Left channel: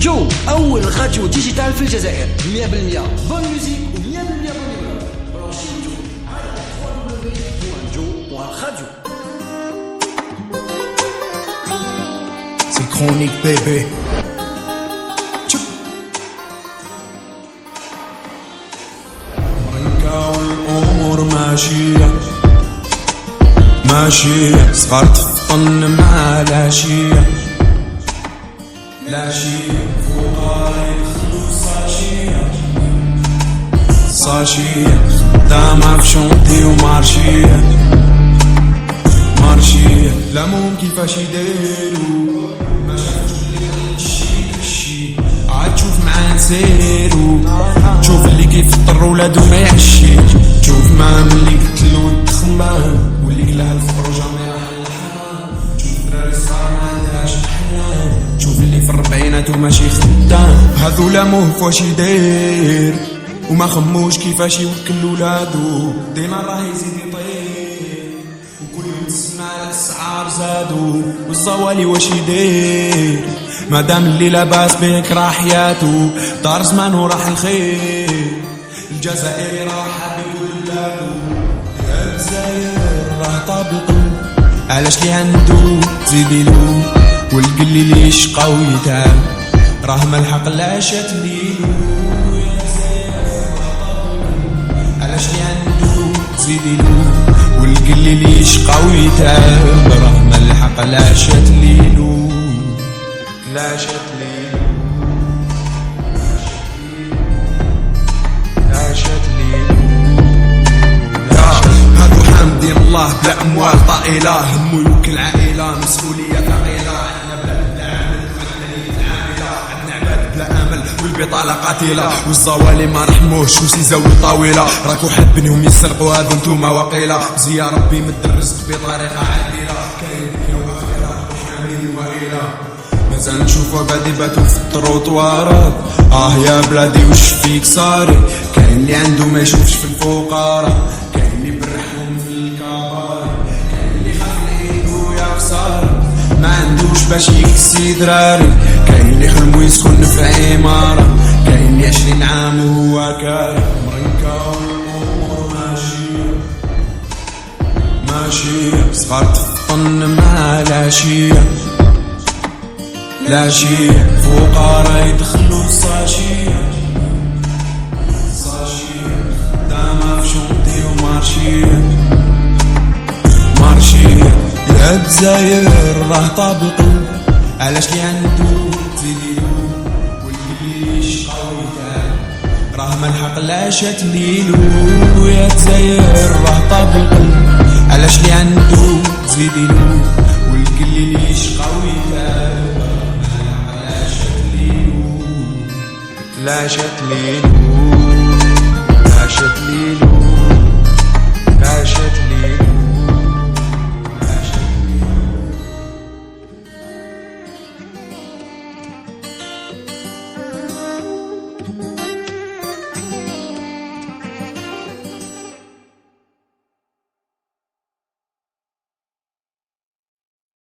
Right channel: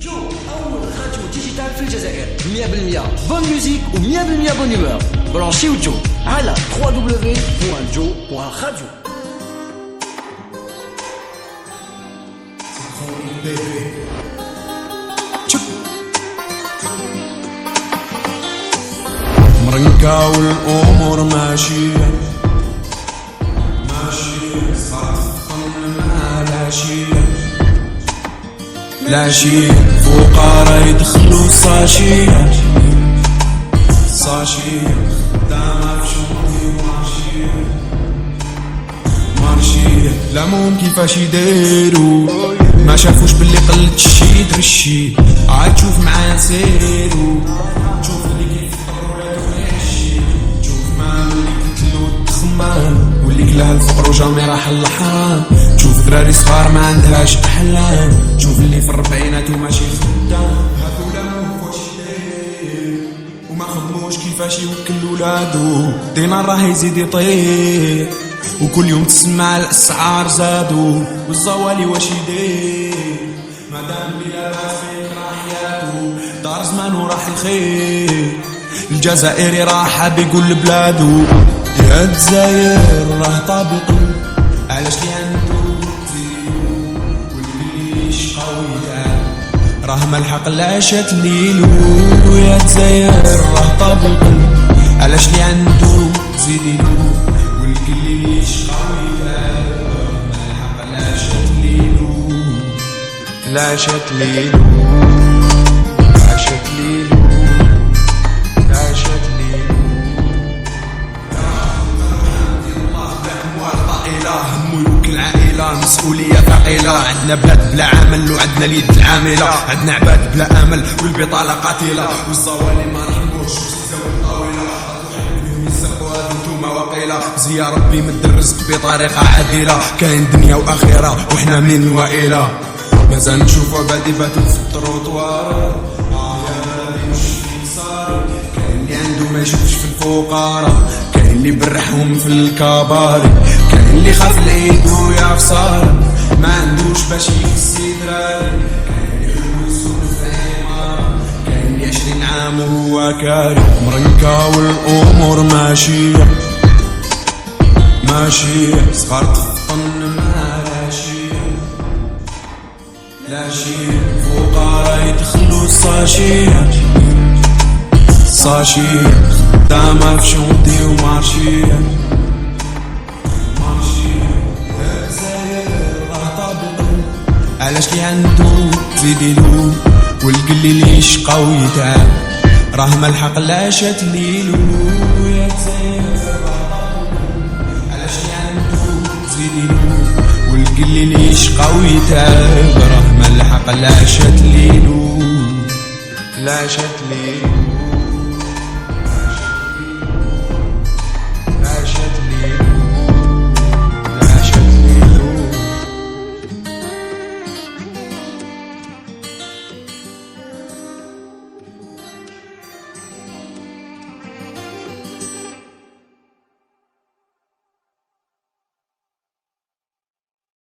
جو أول راديو ديجيتال في الجزائر 100% بون ميوزيك و 100% بون humeur. برانشيو جو على www.jo.radio. C'est chronique bébé. مرنكة والأمور ماشية ماشية، صغار تفطن مع العشية العشية، فقراء يدخلوا ساشية ساشية، خدامة في شونطي ومارشية مارشية. لامهم كيفاش يديروا ما شافوش باللي قلت الشي ترشي، عاد تشوف معاه نسيرو، تشوف اللي كيفطر ولادو ما يعشيش، تشوف مام اللي قتلو الدخمان واللي قلها الفقر وجامي راح الحرام، تشوف دراري صغار ما عندهاش احلام، تشوف اللي في الربعينات وماشي خدام. هذو لاموه فواش يدير وما خموش كيفاش يوكل ولادو، دينار راه يزيد يطير وكل يوم تسمع الاسعار زادو، والزوالي واش يدير مادام اللي لاباس بيك راح حياتو، دار زمانو راح الخير، الجزائري راح بيقول لبلادو يا الجزائر راه طاب القلب، علاش لي عندو تزيديلو والقلي لي يشقى ويتعب، راه ملحق العشات ليلو يا الجزائر راه طاب القلب، علاش لي عندو تزيديلو والقلي لي يشقى ويتعب، راه ملحق العشات ليلو العشات ليلو العشات ليلو العشات ليلو. هادو حامدين الله بلا اموال طائله، همو يوكل عائله مسؤوليه ثقيله، عندنا بلاد بلا عمل وعندنا اليد العامله، عندنا عباد بلا امل والبطاله قاتله، والزوالي ما رحموش وسيزاو طويله، راكو حابينهم يسرقوا هادو نتوما وقيله، يا ربي مد الرزق بطريقه عادله، كاين دنيا واخره وحنا منين وائله، مازال نشوفو عباد يباتو في التروطوارات، يا بلادي وش فيك صاري، كاين اللي عنده ما يشوفش في الفقراء، كاين اللي برحهم في الكباري، كاين اللي خاف العيد ويا خسارة ما عندوش باش يكسي دراري، كاين اللي حلمو يسكن في عمارة، كاين اللي 20 عام وهو كاري، مرنكة والأمور ماشية ماشية، صغار تفطن مع العشية العشية، فقراء يدخلوا ساشية ساشية، خدامة في شونطي ومارشية مارشية. يا الجزائر راه طاب القلب، علاش لي عندو تزيديلو والقلي لي يشقى ويتعب، راه ملحق العشات ليلو يا الجزائر راه طاب القلب، علاش لي عندو تزيديلو والقلي لي يشقى ويتعب، راه ملحق العشات ليلو العشات ليلو.